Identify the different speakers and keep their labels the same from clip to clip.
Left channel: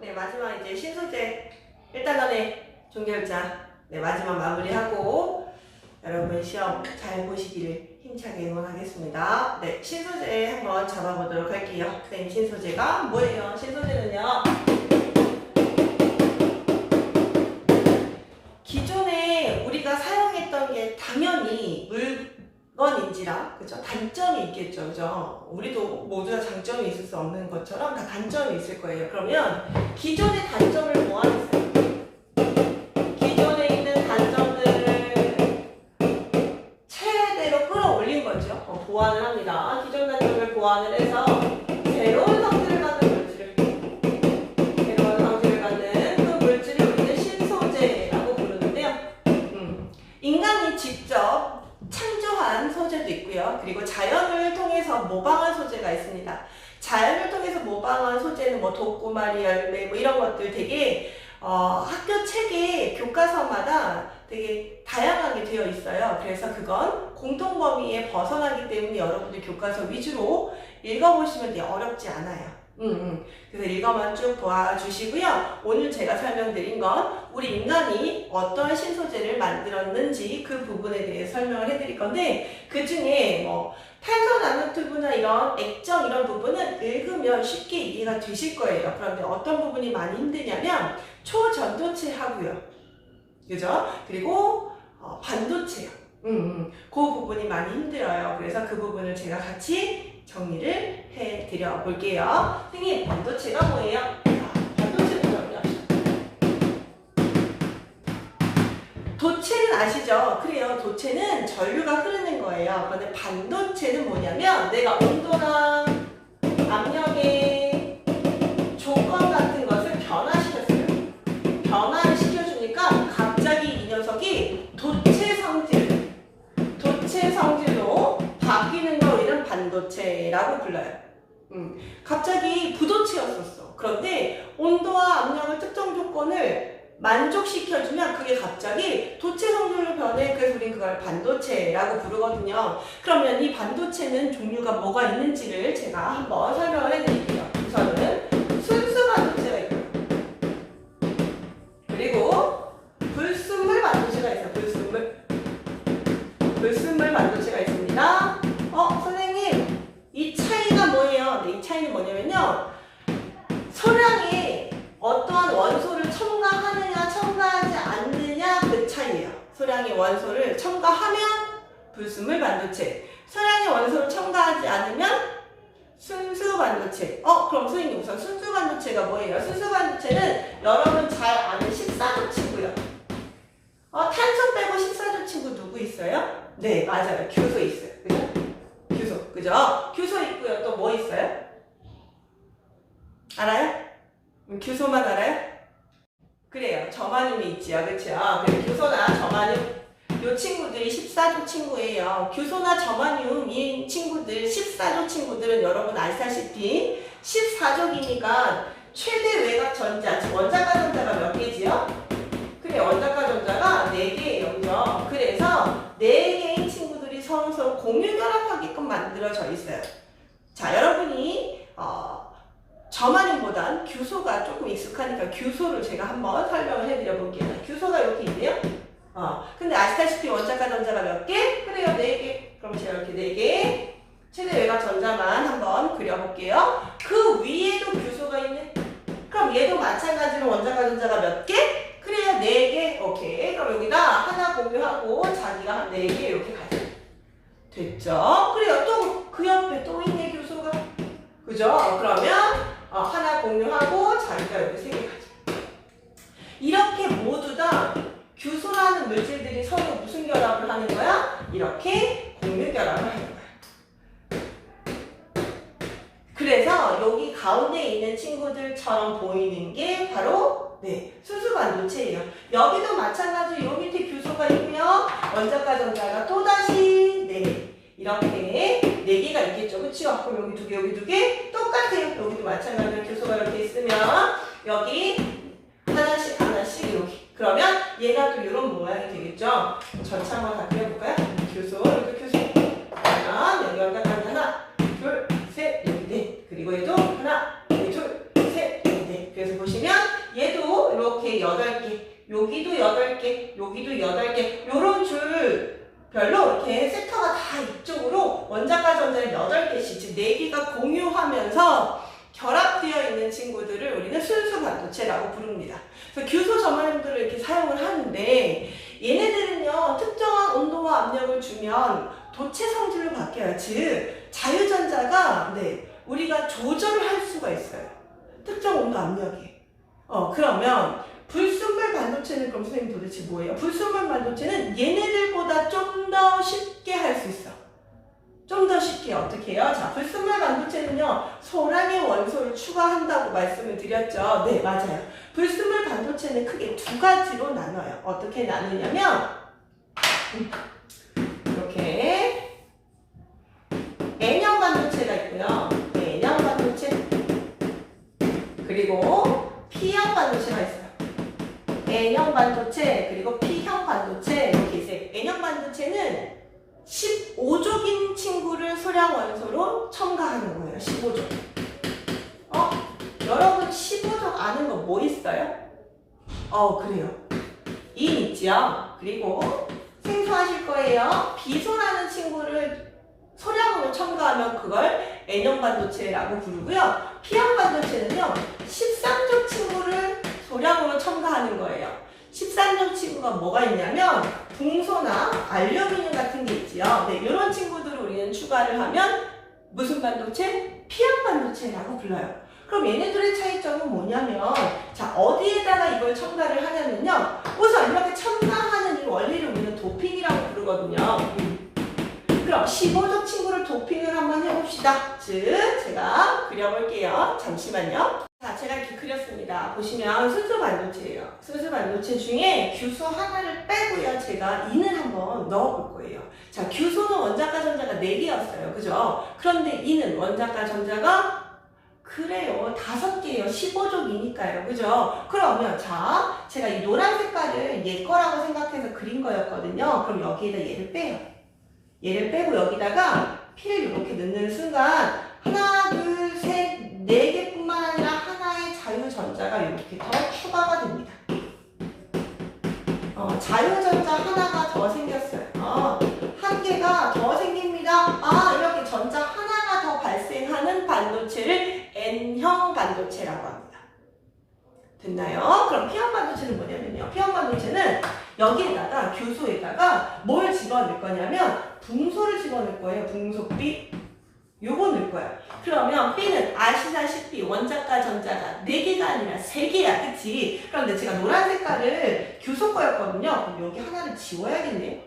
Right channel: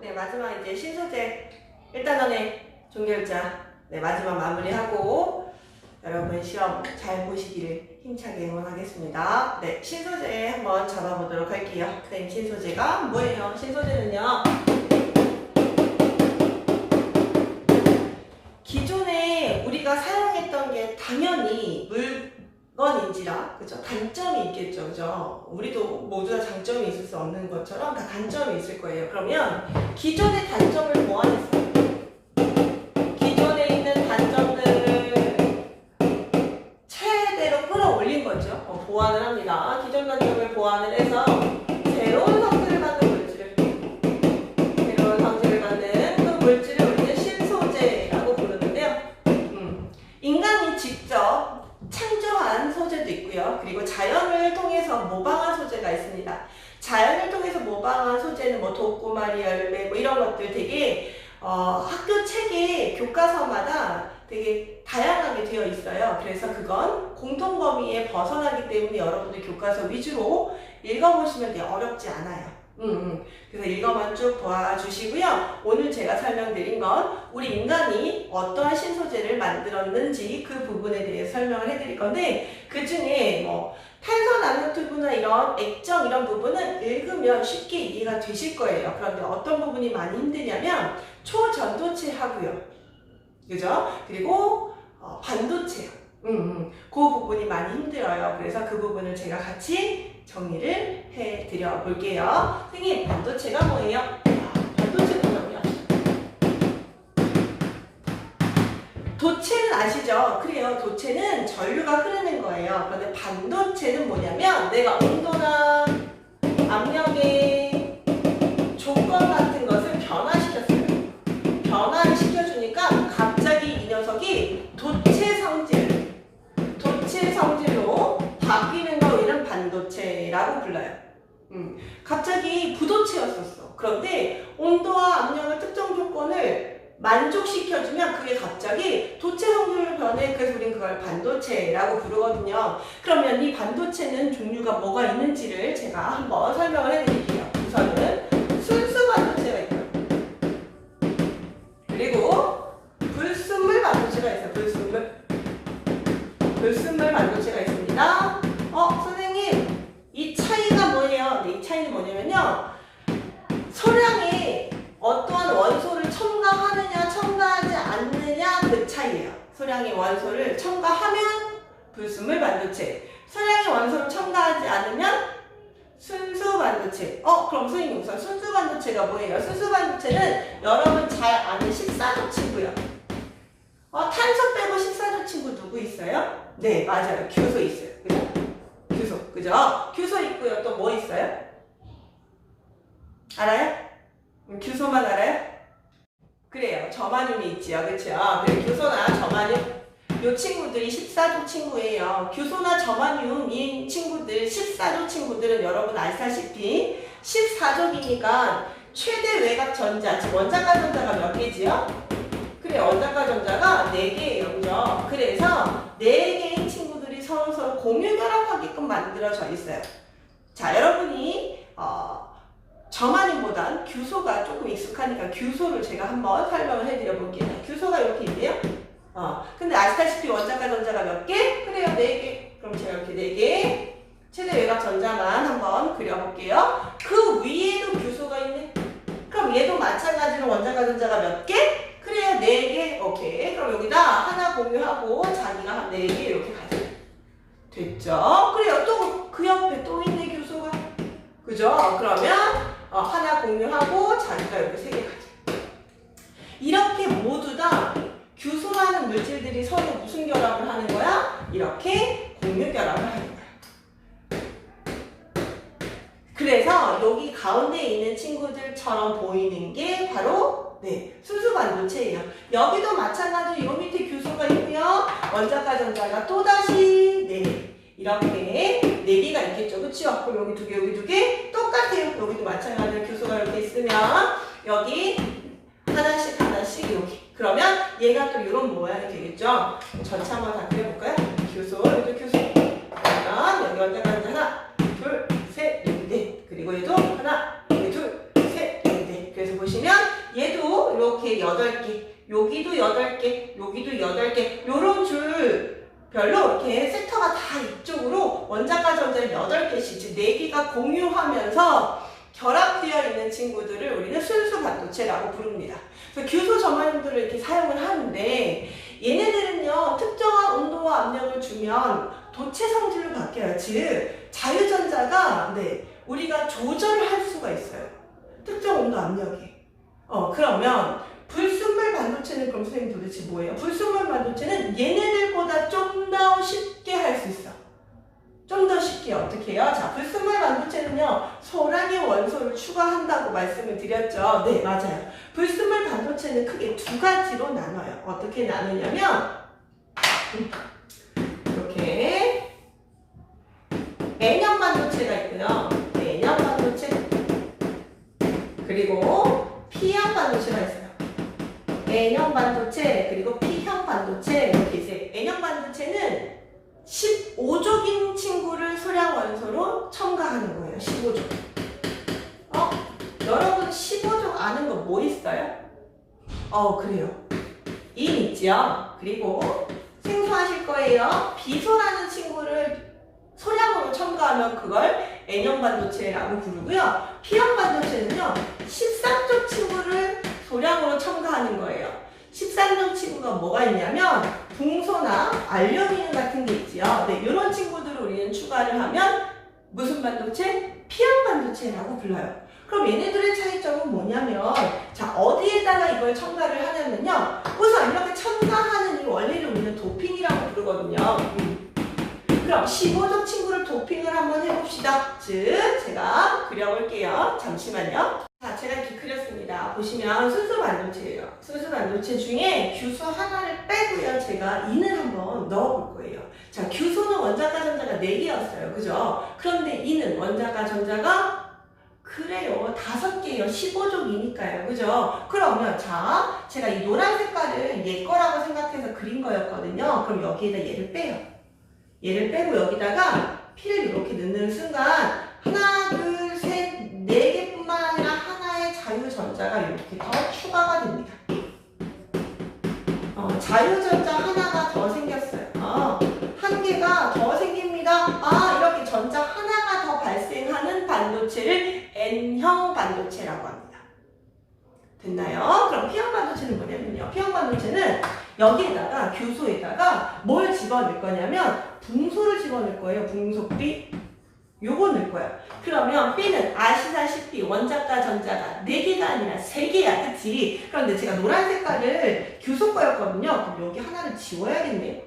Speaker 1: 네, 마지막 이제 신소재 1단원의 종결자. 네, 마지막 마무리하고 여러분 시험 잘 보시기를 힘차게 응원하겠습니다. 네, 신소재 한번 잡아보도록 할게요. 선생님 신소재가 뭐예요? 신소재는요. 기존에 우리가 사용했던 게 당연히 물 건인지라 그죠 단점이 있겠죠 그죠? 우리도 모두 다 장점이 있을 수 없는 것처럼 다 단점이 있을 거예요. 그러면 기존의 단점을 보완했어요. 기존에 있는 단점들을 최대로 끌어올린 거죠. 어, 보완을 합니다. 기존 단점을 보완을 해서 새로운 성질을 갖는 물질을 새로운 성질을 갖는 그 물질을 우리는 신소재라고 부르는데요. 음, 인간이 직접 창 조한 소재도 있고요. 그리고 자연을 통해서 모방한 소재가 있습니다. 자연을 통해서 모방한 소재는 뭐 독고마리 열매 뭐 이런 것들 되게 어, 학교 책에 교과서마다 되게 다양하게 되어 있어요. 그래서 그건 공통 범위에 벗어나기 때문에 여러분들 교과서 위주로 읽어보시면 어렵지 않아요. 음, 음. 그래서 읽어만 쭉 도와주시고요. 오늘 제가 설명드린 건 우리 인간이 어떤 신소재를 만들었는지 그 부분에 대해 설명을 해드릴 건데 그 중에 뭐 탄소 나노튜브나 이런 액정 이런 부분은 읽으면 쉽게 이해가 되실 거예요. 그런데 어떤 부분이 많이 힘드냐면 초전도체 하고요. 그죠? 그리고 어, 반도체요. 음, 음. 그 부분이 많이 힘들어요. 그래서 그 부분을 제가 같이 정리를 해드려 볼게요. 선생님, 반도체가 뭐예요? 아, 반도체는 뭐냐면 도체는 아시죠? 그래요. 도체는 전류가 흐르는 거예요. 그런데 반도체는 뭐냐면 내가 온도나 압력의 조건 같은 것을 변화시켰어요. 변화를 시켜주니까 갑자기 이 녀석이 도체 라고 불러요. 음, 갑자기 부도체였었어. 그런데 온도와 압력을 특정 조건을 만족시켜주면 그게 갑자기 도체 성질로 변해. 그래서 우리는 그걸 반도체라고 부르거든요. 그러면 이 반도체는 종류가 뭐가 있는지를 제가 한번 설명을 해드릴게요. 우선은 반도체. 어, 그럼 선생님 우선 순수 반도체가 뭐예요? 순수 반도체는 여러분 잘 아는 14조 친구요. 어, 탄소 빼고 14조 친구 누구 있어요? 네, 맞아요. 규소 있어요. 그죠? 규소. 그죠? 규소 있고요. 또 뭐 있어요? 알아요? 음, 규소만 알아요? 그래요. 저마늄이 있지요. 그쵸? 그래, 규소나 저마늄. 요 친구들이 14조 친구예요. 규소나 이 친구들, 14조 친구들은 여러분 아시다시피 14조기니까 최대 외곽 전자, 즉 원자가 전자가 몇 개지요? 그래, 원자가 전자가 4개예요. 그죠? 그래서 4개의 친구들이 서로 서로 공유 결합하게끔 만들어져 있어요. 자, 여러분이, 어, 저마님보단 규소가 조금 익숙하니까 규소를 제가 한번 설명을 해드려 볼게요. 규소가 이렇게 있네요. 어, 근데 아시다시피 원자가 전자가 몇 개? 그래요, 네 개. 그럼 제가 이렇게 네 개. 최대 외곽 전자만 한번 그려볼게요. 그 위에도 규소가 있네. 그럼 얘도 마찬가지로 원자가 전자가 몇 개? 그래요, 네 개. 오케이. 그럼 여기다 하나 공유하고 자기가 한네개 이렇게 가져. 됐죠? 그래요. 또 그 옆에 또 있네, 규소가. 그죠? 그러면 어, 하나 공유하고 자기가 이렇게 세개 가져. 이렇게 모두 다 규소라는 물질들이 서로 무슨 결합을 하는 거야? 이렇게 공유 결합을 하는 거야. 그래서 여기 가운데 있는 친구들처럼 보이는 게 바로 네, 순수 반도체예요. 여기도 마찬가지로 요 밑에 규소가 있고요. 원자가 전자가 또다시 네, 이렇게 네 개가 있겠죠. 그치요? 그럼 여기 두 개, 여기 두 개 똑같아요. 여기도 마찬가지로 규소가 이렇게 있으면 여기 하나씩 하나씩 이렇게. 그러면 얘가 또 이런 모양이 되겠죠. 전체 한번 다 그려볼까요? 규소, 여기도 규소. 그러면 여기 원자가 전자 하나, 둘, 셋, 여기 넷. 그리고 얘도 하나, 여기 둘, 셋, 여기 넷. 그래서 보시면 얘도 이렇게 8개, 여기도 8개, 여기도 8개, 요런 줄 별로 이렇게 섹터가 다 이쪽으로 원자과 전자를 8개씩, 즉 4개가 공유하면서 결합되어 있는 친구들을 우리는 순수 반도체라고 부릅니다. 그래서 교소 점화용도를 이렇게 사용을 하는데 얘네들은요 특정한 온도와 압력을 주면 도체 성질로 바뀌어요. 즉 자유전자가 네 우리가 조절을 할 수가 있어요. 특정 온도 압력이. 어 그러면 불순물 반도체는 그럼 선생님 도대체 뭐예요? 불순물 반도체는 얘네들보다 좀 더 쉽게 할 수 있어. 좀 더 쉽게 어떻게 해요? 자, 불순물 반도체는요, 소량의 원소를 추가한다고 말씀을 드렸죠. 네, 맞아요. 불순물 반도체는 크게 두 가지로 나눠요. 어떻게 나누냐면, 이렇게, N형 반도체가 있고요. N형 반도체, 그리고 15족. 어? 여러분 15족 아는 거 뭐 있어요? 어, 그래요. 인 있죠? 그리고 생소하실 거예요. 비소라는 친구를 소량으로 첨가하면 그걸 N형 반도체라고 부르고요. P형 반도체는요. 13족 친구를 소량으로 첨가하는 거예요. 13종 친구가 뭐가 있냐면 붕소나 알루미늄 같은 게 있지요. 네, 이런 친구들을 우리는 추가를 하면 무슨 반도체? P형 반도체라고 불러요. 그럼 얘네들의 차이점은 뭐냐면 자 어디에다가 이걸 첨가를 하냐면요. 우선 이렇게 첨가하는 이 원리를 우리는 도핑이라고 부르거든요. 음. 그럼 15종 친구를 도핑을 한번 해봅시다. 즉 제가 그려볼게요. 잠시만요. 자, 제가 이렇게 그렸습니다. 보시면 순수 반도체예요. 순수 반도체 중에 규소 하나를 빼고요. 제가 인을 한번 넣어볼 거예요. 자, 규소는 원자과 전자가 4개였어요. 그죠? 그런데 인은 원자과 전자가 그래요. 다섯 개예요. 15족이니까요. 그죠? 그러면 자, 제가 이 노란 색깔을 얘 거라고 생각해서 그린 거였거든요. 그럼 여기에다 얘를 빼요. 얘를 빼고 여기다가 피를 이렇게 넣는 순간 하나, 둘, 셋, 네 개뿐만 아니라 하나의 자유전자가 이렇게 더 추가가 됩니다. 어, 자유전자 하나가 더 생겼어요. 어, 한 개가 더 생깁니다. 아, 이렇게 전자 하나가 더 발생하는 반도체를 N형 반도체라고 합니다. 됐나요? 그럼 P형 반도체는 뭐냐면요. P형 반도체는 여기에다가 교소에다가 뭘 집어넣을 거냐면 붕소를 집어넣을 거예요. 붕소 B. 요거 넣을 거예요. 그러면 B는 아시다시피 원자과 전자가 4개가 아니라 3개야. 그치? 그런데 제가 노란 색깔을 교소 거였거든요. 그럼 여기 하나를 지워야겠네.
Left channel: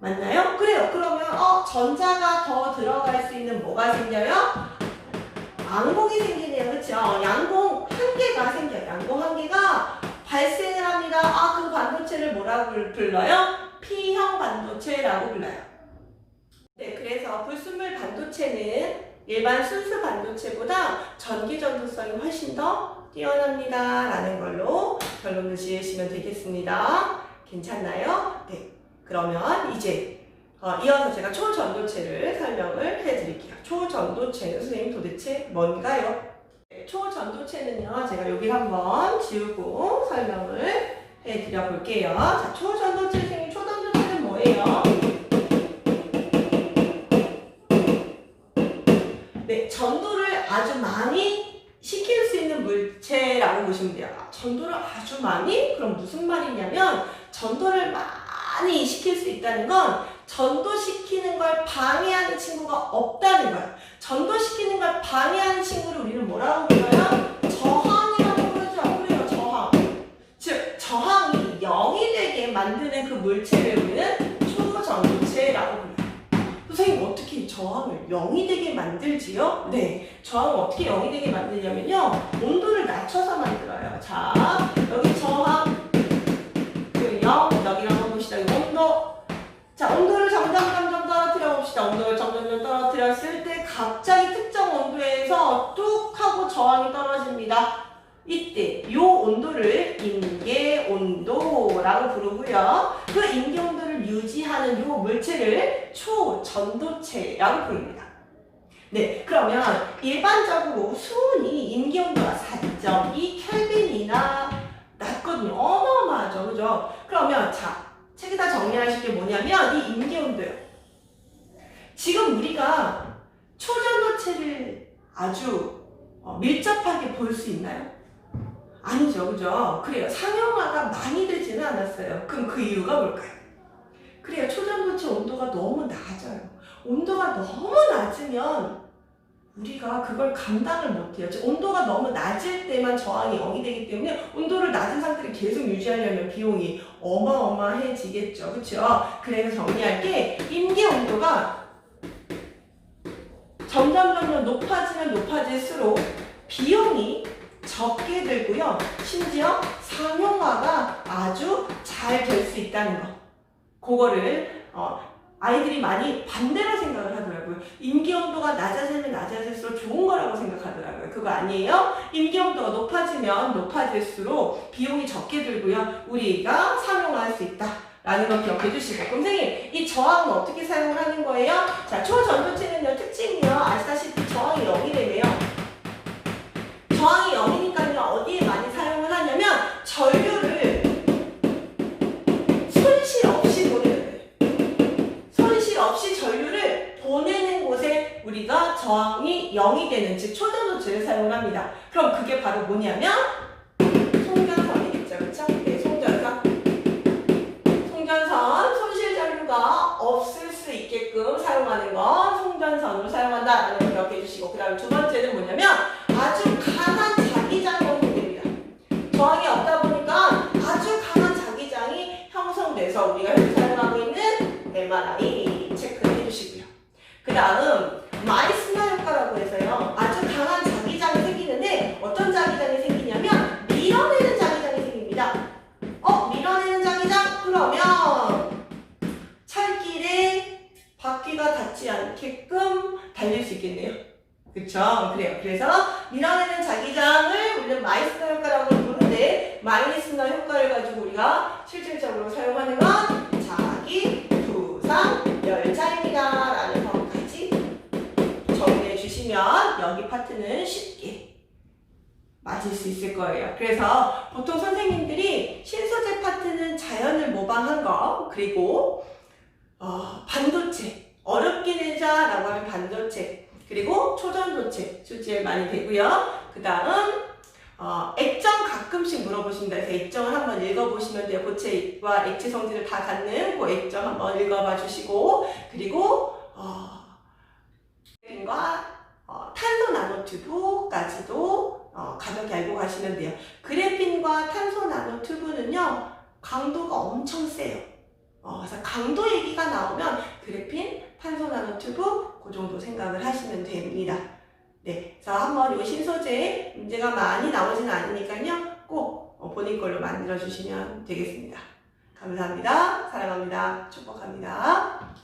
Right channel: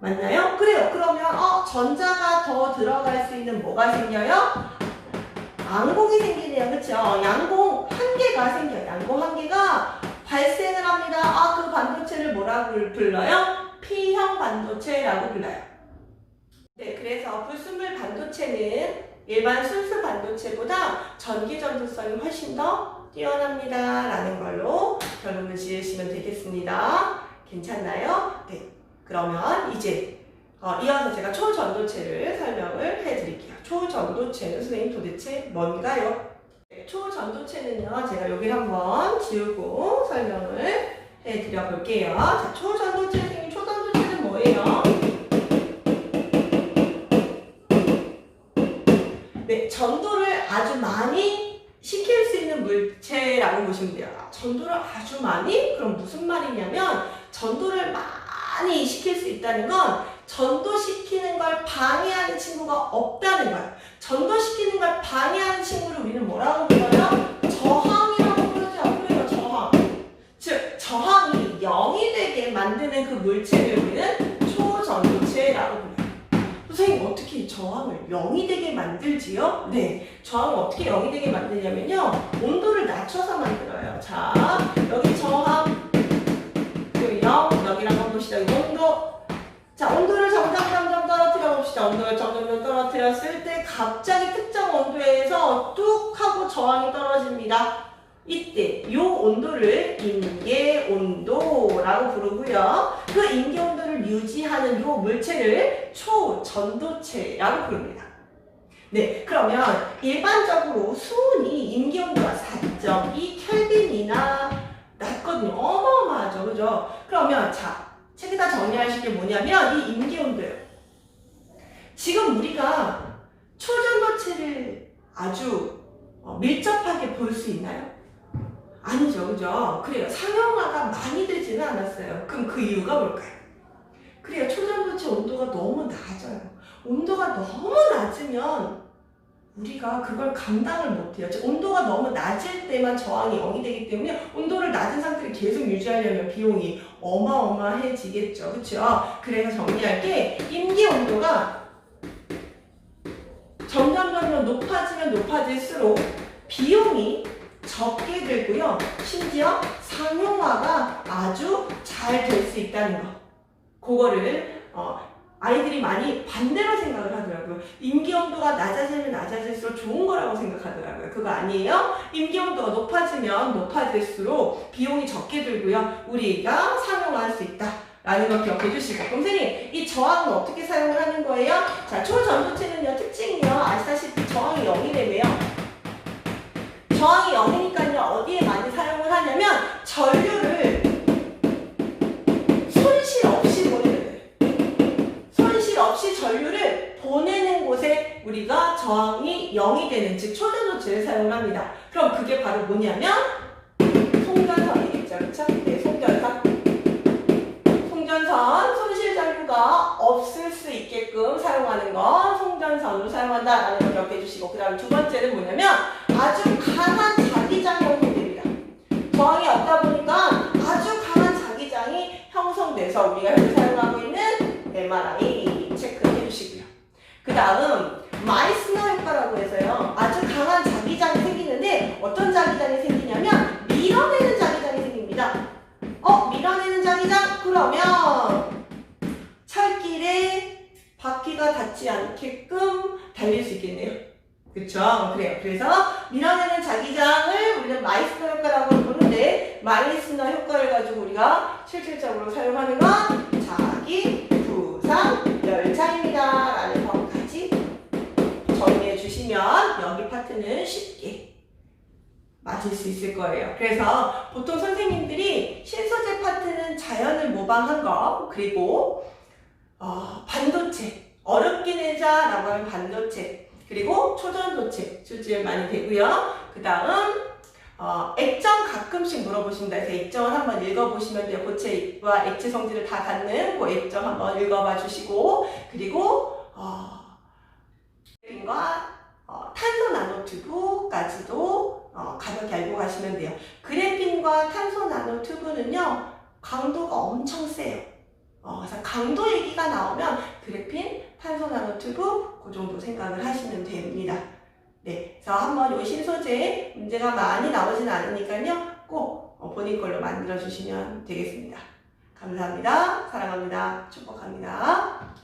Speaker 1: 맞나요? 그래요. 그러면 어 전자가 더 들어갈 수 있는 뭐가 생겨요? 양공이 생기네요. 그쵸? 양공 한 개가 생겨요. 양공 한 개가 발생을 합니다. 아, 그 반도체를 뭐라고 불러요? P형 반도체라고 불러요. 네, 그래서 불순물 반도체는 일반 순수 반도체보다 전기 전도성이 훨씬 더 뛰어납니다. 라는 걸로 결론을 지으시면 되겠습니다. 괜찮나요? 네. 그러면 이제 어, 이어서 제가 초전도체를 설명을 해드릴게요. 초전도체는 선생님 도대체 뭔가요? 네, 초전도체는요, 제가 여기 한번 지우고 설명을 해드려 볼게요. 자, 초전도체 선생님, 초전도체는 뭐예요? 네, 전도를 아주 많이 시킬 수 있는 물체라고 보시면 돼요. 아, 전도를 아주 많이? 그럼 무슨 말이냐면 전도를 많이 시킬 수 있다는 건 전도시키는 걸 방해하는 친구가 없다는 거예요. 전도시키는 걸 방해하는 친구를 우리는 뭐라고 불러요? 저항이라고 부르죠. 그래요, 저항. 즉, 저항이 0이 되게 만드는 그 물체를 우리는 초전도체라고 불러요. 선생님 어떻게 이 저항을 0이 되게 만들지요? 네, 저항을 어떻게 0이 되게 만드냐면요. 온도를 낮춰서 만들어요. 자, 여기 저항. 그리고 0, 여기 한번 보시죠 여기 온도. 자, 온도를 점점 점점 떨어뜨려 봅시다. 온도를 점점 점 점 떨어뜨렸을 때 갑자기 특정 온도에서 뚝 하고 저항이 떨어집니다. 이때 요 온도를 임계 온도라고 부르고요. 그 임계 온도를 유지하는 요 물체를 초전도체라고 부릅니다. 네, 그러면 일반적으로 수온이 임기온도가 4.2 켈빈이나 낮거든요. 어마어마하죠. 그죠? 그러면 자, 책에 다 정리하실 게 뭐냐면 이 임기온도요. 지금 우리가 초전도체를 아주 어, 밀접하게 볼 수 있나요? 아니죠. 그죠? 그래요. 상용화가 많이 되지는 않았어요. 그럼 그 이유가 뭘까요? 그래요. 초전도체 온도가 너무 낮아요. 온도가 너무 낮으면 우리가 그걸 감당을 못해요. 즉, 온도가 너무 낮을 때만 저항이 0이 되기 때문에 온도를 낮은 상태를 계속 유지하려면 비용이 어마어마해지겠죠. 그렇죠? 그래서 정리할 게 임기 온도가 점점 점점 높아지면 높아질수록 비용이 적게 들고요. 심지어 상용화가 아주 잘 될 수 있다는 거. 그거를 어, 아이들이 많이 반대로 생각을 하더라고요. 임기 온도가 낮아지면 낮아질수록 좋은 거라고 생각하더라고요. 그거 아니에요? 임기 온도가 높아지면 높아질수록 비용이 적게 들고요. 우리가 상용화할 수 있다. 라는 걸 기억해 주시고. 그럼 선생님, 이 저항은 어떻게 사용을 하는 거예요? 자, 초전도체는요, 특징이요. 아시다시피 저항이 0이 되네요. 저항이 0 저항이 0이 되는, 즉, 초전도체를 사용합니다. 그럼 그게 바로 뭐냐면, 송전선이겠죠. 그쵸? 네, 송전선. 송전선 손실 전류가 없을 수 있게끔 사용하는 거 송전선으로 사용한다라는 걸 기억해 주시고 그 다음 두 번째는 뭐냐면 아주 강한 자기장이. 저항이 없다 보니까 아주 강한 자기장이 형성돼서 우리가 현재 사용하고 있는 MRI 체크해 주시고요. 그 다음 바퀴가 닿지 않게끔 달릴 수 있겠네요. 그쵸? 그래요. 그래서 밀어내는 자기장을 우리는 마이스너 효과라고 부르는데 마이스너 효과를 가지고 우리가 실질적으로 사용하는 건 자기 부상 열차입니다. 라는 것까지 정리해 주시면 여기 파트는 쉽게 맞을 수 있을 거예요. 그래서 보통 선생님들이 신소재 파트는 자연을 모방한 거, 그리고 어, 반도체, 어렵긴 해자라고 하는 반도체, 그리고 초전도체 출제 많이 되고요. 그 다음 어, 액정 가끔씩 물어보신다 해서 액정을 한번 읽어보시면 돼요. 고체와 액체 성질을 다 갖는 그 액정 한번 읽어봐 주시고 그리고 어, 과 어, 탄소 나노튜브까지도 어, 가볍게 알고 가시면 돼요. 그래핀과 탄소 나노튜브는요 강도가 엄청 세요. 어, 그래서 강도 얘기가 나오면 그래핀, 탄소 나노튜브 그 정도 생각을 하시면 됩니다. 네, 그래서 한번 이 신소재 문제가 많이 나오지는 않으니까요 꼭 어, 본인 걸로 만들어 주시면 되겠습니다. 감사합니다. 사랑합니다. 축복합니다.